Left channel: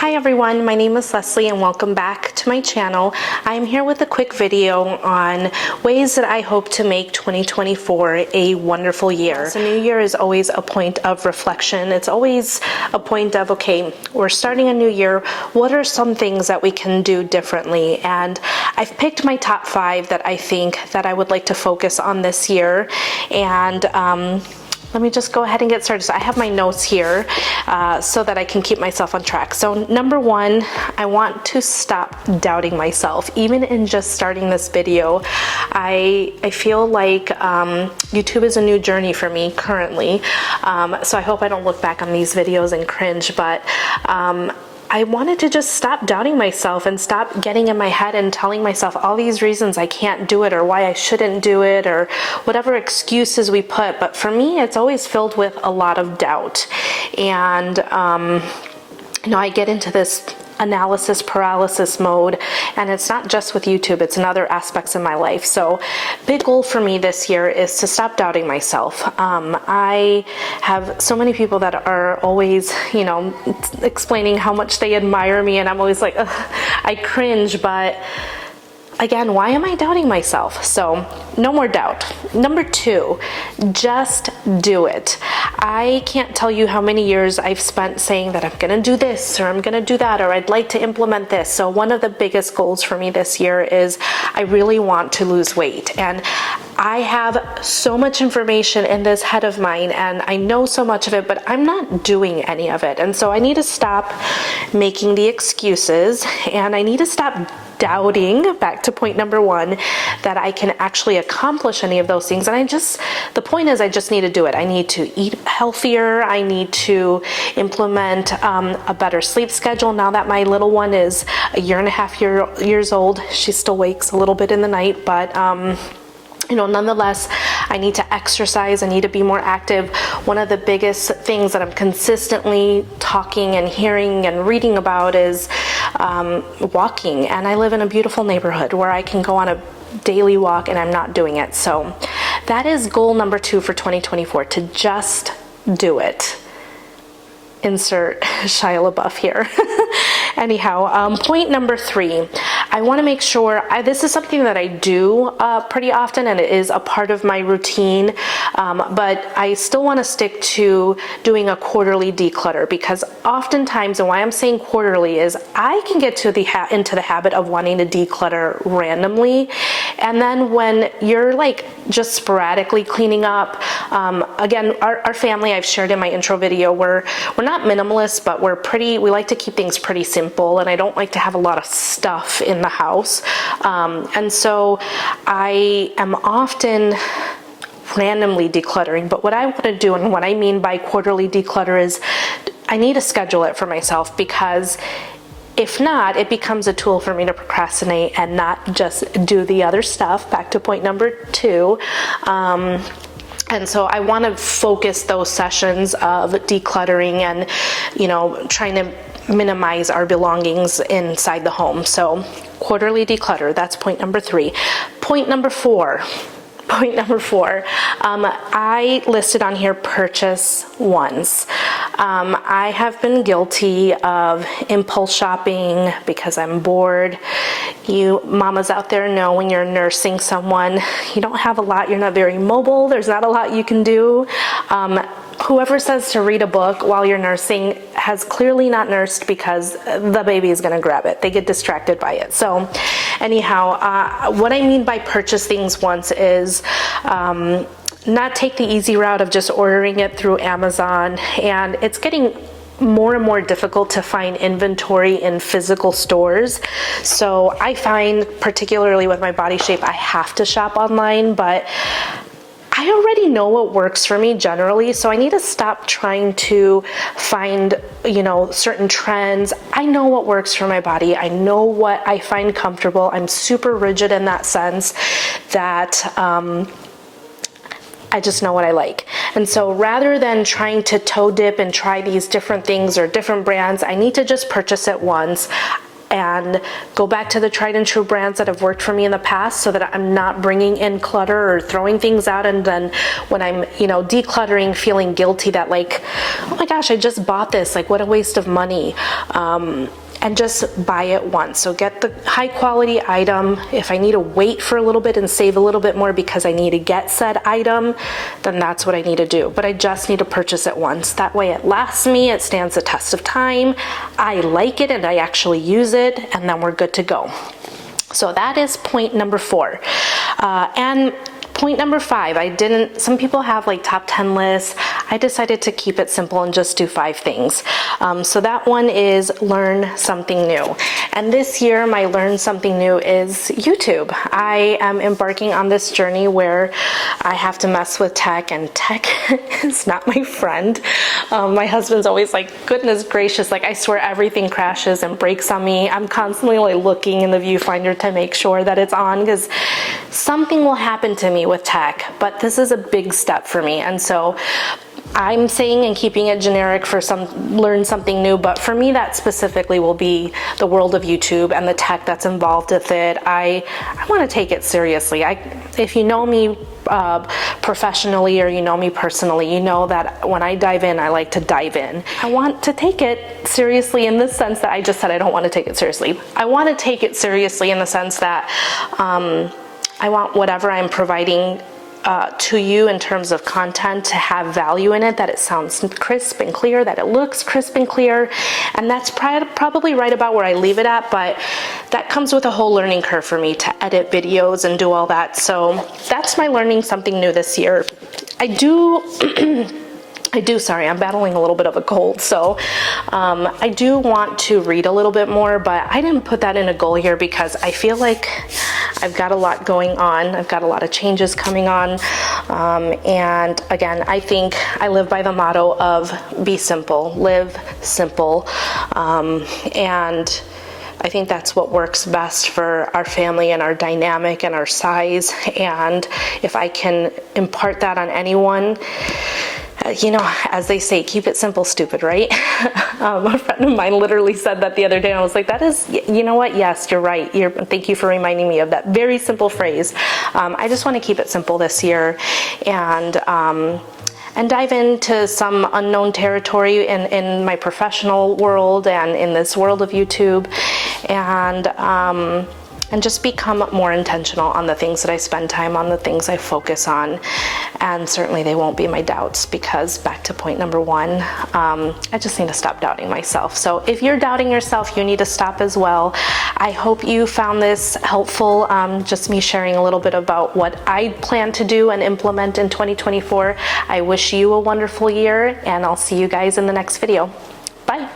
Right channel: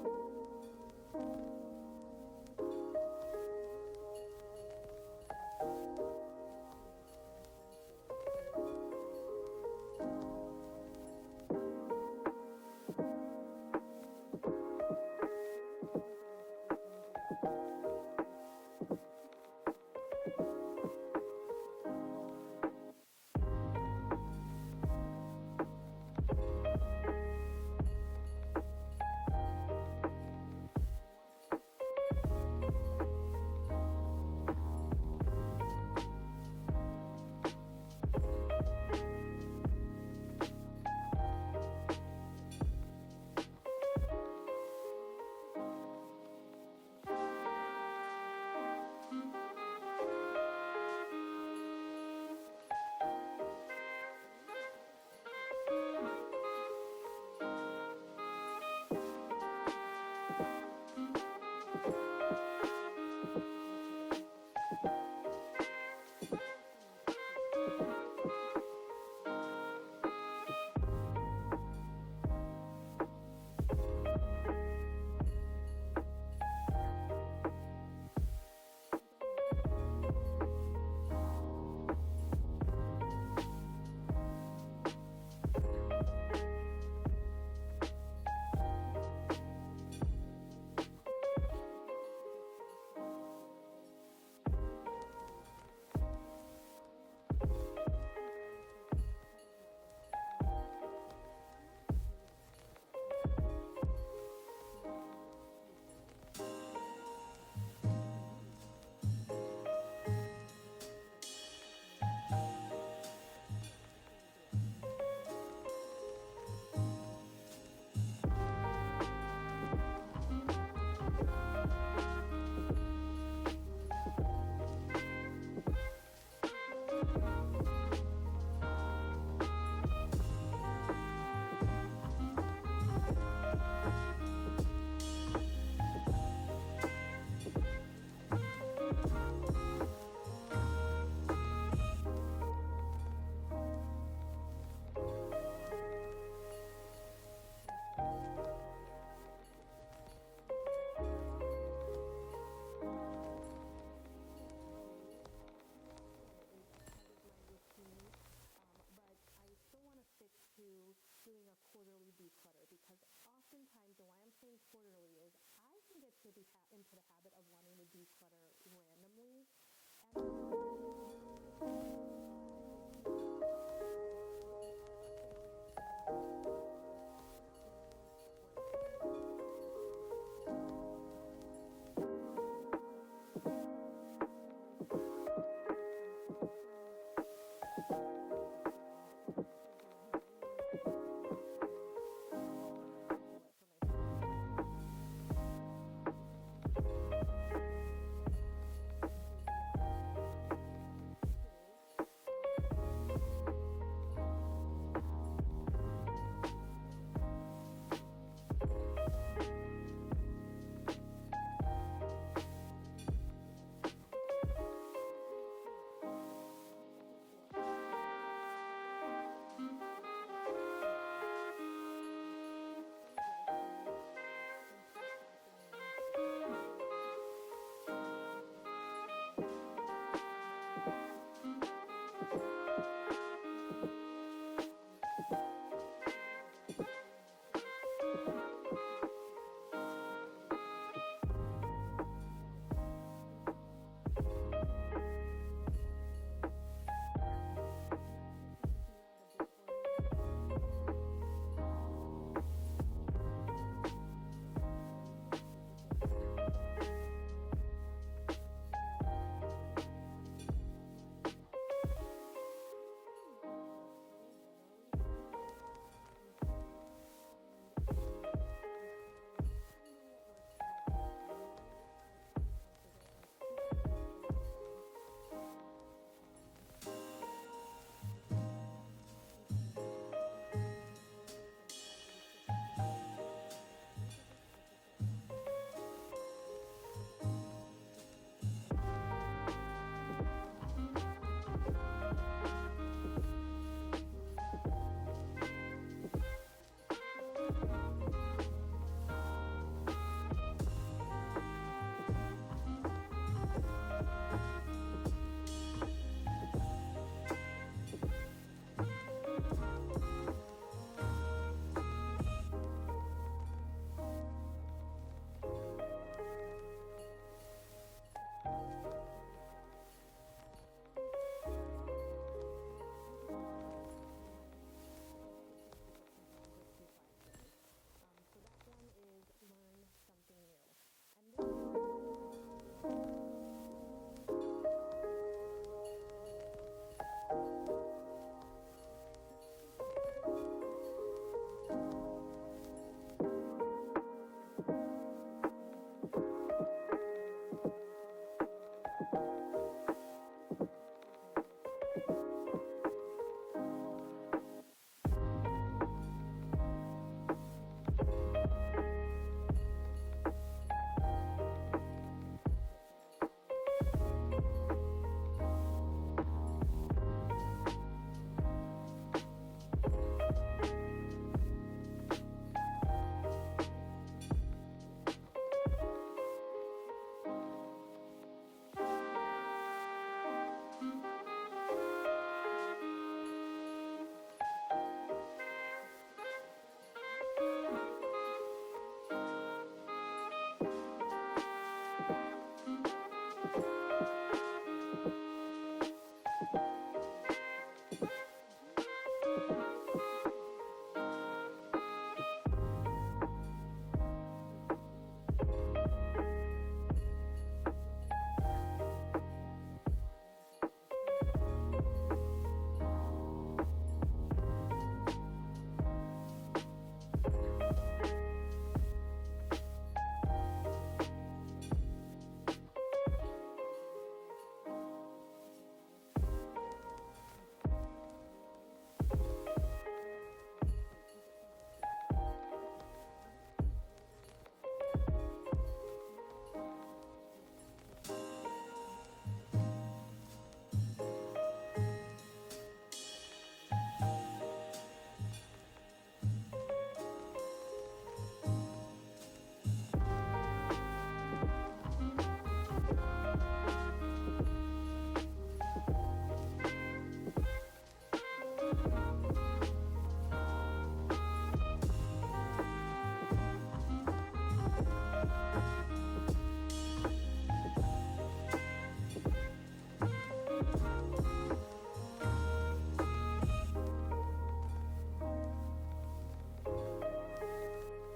Hi everyone, my name is Leslye and welcome back to my channel. I'm here with a quick video on ways that I hope to make 2024 a wonderful year. The new year is always a point of reflection. It's always a point of, okay, we're starting a new year. What are some things that we can do differently? And I've picked my top 5 that I think that I would like to focus on this year. And let me just go ahead and get started. So I have my notes here so that I can keep myself on track. So number 1, I want to stop doubting myself. Even in just starting this video, I feel like YouTube is a new journey for me currently. So I hope I don't look back on these videos and cringe, but I wanted to just stop doubting myself and stop getting in my head and telling myself all these reasons I can't do it or why I shouldn't do it or whatever excuses we put. But for me, it's always filled with a lot of doubt. And, you know, I get into this analysis paralysis mode, and it's not just with YouTube, it's in other aspects of my life. So big goal for me this year is to stop doubting myself. I have so many people that are always, you know, explaining how much they admire me, and I'm always like, ugh, I cringe, but again, why am I doubting myself? So no more doubt. Number 2, just do it. I can't tell you how many years I've spent saying that I'm gonna do this or I'm gonna do that or I'd like to implement this. So one of the biggest goals for me this year is I really want to lose weight. And I have so much information in this head of mine and I know so much of it, but I'm not doing any of it. And so I need to stop making the excuses and I need to stop doubting, back to point number 1, that I can actually accomplish any of those things. And the point is I just need to do it. I need to eat healthier. I need to implement a better sleep schedule. Now that my little one is a year and a half years old, she still wakes a little bit in the night, but you know, nonetheless, I need to exercise. I need to be more active. One of the biggest things that I'm consistently talking and hearing and reading about is walking. And I live in a beautiful neighborhood where I can go on a daily walk and I'm not doing it. So that is goal number 2 for 2024, to just do it. Insert Shia LaBeouf here. Anyhow, point number 3, I want to make sure, this is something that I do pretty often and it is a part of my routine, but I still want to stick to doing a quarterly declutter, because oftentimes, and why I'm saying quarterly is I can get to into the habit of wanting to declutter randomly, and then when you're like just sporadically cleaning up, again, our family, I've shared in my intro video, we're not minimalist, but we like to keep things pretty simple, and I don't like to have a lot of stuff in the house. And so I am often randomly decluttering, but what I want to do, and what I mean by quarterly declutter, is I need to schedule it for myself, because if not, it becomes a tool for me to procrastinate and not just do the other stuff. Back to point number 2. And so I want to focus those sessions of decluttering and, you know, trying to minimize our belongings inside the home. So quarterly declutter, that's point number 3. Point number 4, I listed on here purchase once. I have been guilty of impulse shopping because I'm bored. You mamas out there know when you're nursing someone, you don't have a lot, you're not very mobile, there's not a lot you can do. Whoever says to read a book while you're nursing has clearly not nursed, because the baby is going to grab it. They get distracted by it. So anyhow, what I mean by purchase things once is not take the easy route of just ordering it through Amazon. And it's getting more and more difficult to find inventory in physical stores. So I find, particularly with my body shape, I have to shop online, but I already know what works for me generally, so I need to stop trying to find, you know, certain trends. I know what works for my body. I know what I find comfortable. I'm super rigid in that sense that I just know what I like. And so rather than trying to toe dip and try these different things or different brands, I need to just purchase it once. And and go back to the tried and true brands that have worked for me in the past, so that I'm not bringing in clutter or throwing things out, and then when I'm, you know, decluttering, feeling guilty that like, oh my gosh, I just bought this, like what a waste of money. And just buy it once. So get the high quality item. If I need to wait for a little bit and save a little bit more because I need to get said item, then that's what I need to do. But I just need to purchase it once. That way it lasts me, it stands the test of time, I like it and I actually use it, and then we're good to go. So that is point number 4. And point number 5, some people have like top 10 lists. I decided to keep it simple and just do 5 things. So that one is learn something new. And this year, my learn something new is YouTube. I am embarking on this journey where I have to mess with tech, and tech is not my friend. My husband's always like, goodness gracious, like I swear everything crashes and breaks on me. I'm constantly like looking in the viewfinder to make sure that it's on, because something will happen to me with tech, but this is a big step for me. And so I'm saying and keeping it generic for learn something new, but for me that specifically will be the world of YouTube and the tech that's involved with it. I want to take it seriously. If you know me professionally, or you know me personally, you know that when I dive in, I like to dive in. I want to take it seriously in the sense that I just said I don't want to take it seriously. I want to take it seriously in the sense that I want whatever I'm providing to you in terms of content to have value in it, that it sounds crisp and clear, that it looks crisp and clear. And that's probably right about where I leave it at, but that comes with a whole learning curve for me to edit videos and do all that. So that's my learning something new this year. Sorry, I'm battling a little bit of a cold, so I do want to read a little bit more, but I didn't put that in a goal here because I feel like I've got a lot going on. I've got a lot of changes coming on, and again, I think I live by the motto of be simple, live simple, and I think that's what works best for our family and our dynamic and our size. And if I can impart that on anyone, you know, as they say, keep it simple, stupid, right? A friend of mine literally said that the other day, and I was like, that is, you know what? Yes, you're right. Thank you for reminding me of that very simple phrase. I just want to keep it simple this year, and dive into some unknown territory in my professional world and in this world of YouTube, and just become more intentional on the things that I spend time on, the things I focus on. And certainly they won't be my doubts, because back to point number 1, I just need to stop doubting myself. So if you're doubting yourself, you need to stop as well. I hope you found this helpful, just me sharing a little bit about what I plan to do and implement in 2024. I wish you a wonderful year, and I'll see you guys in the next video. Bye.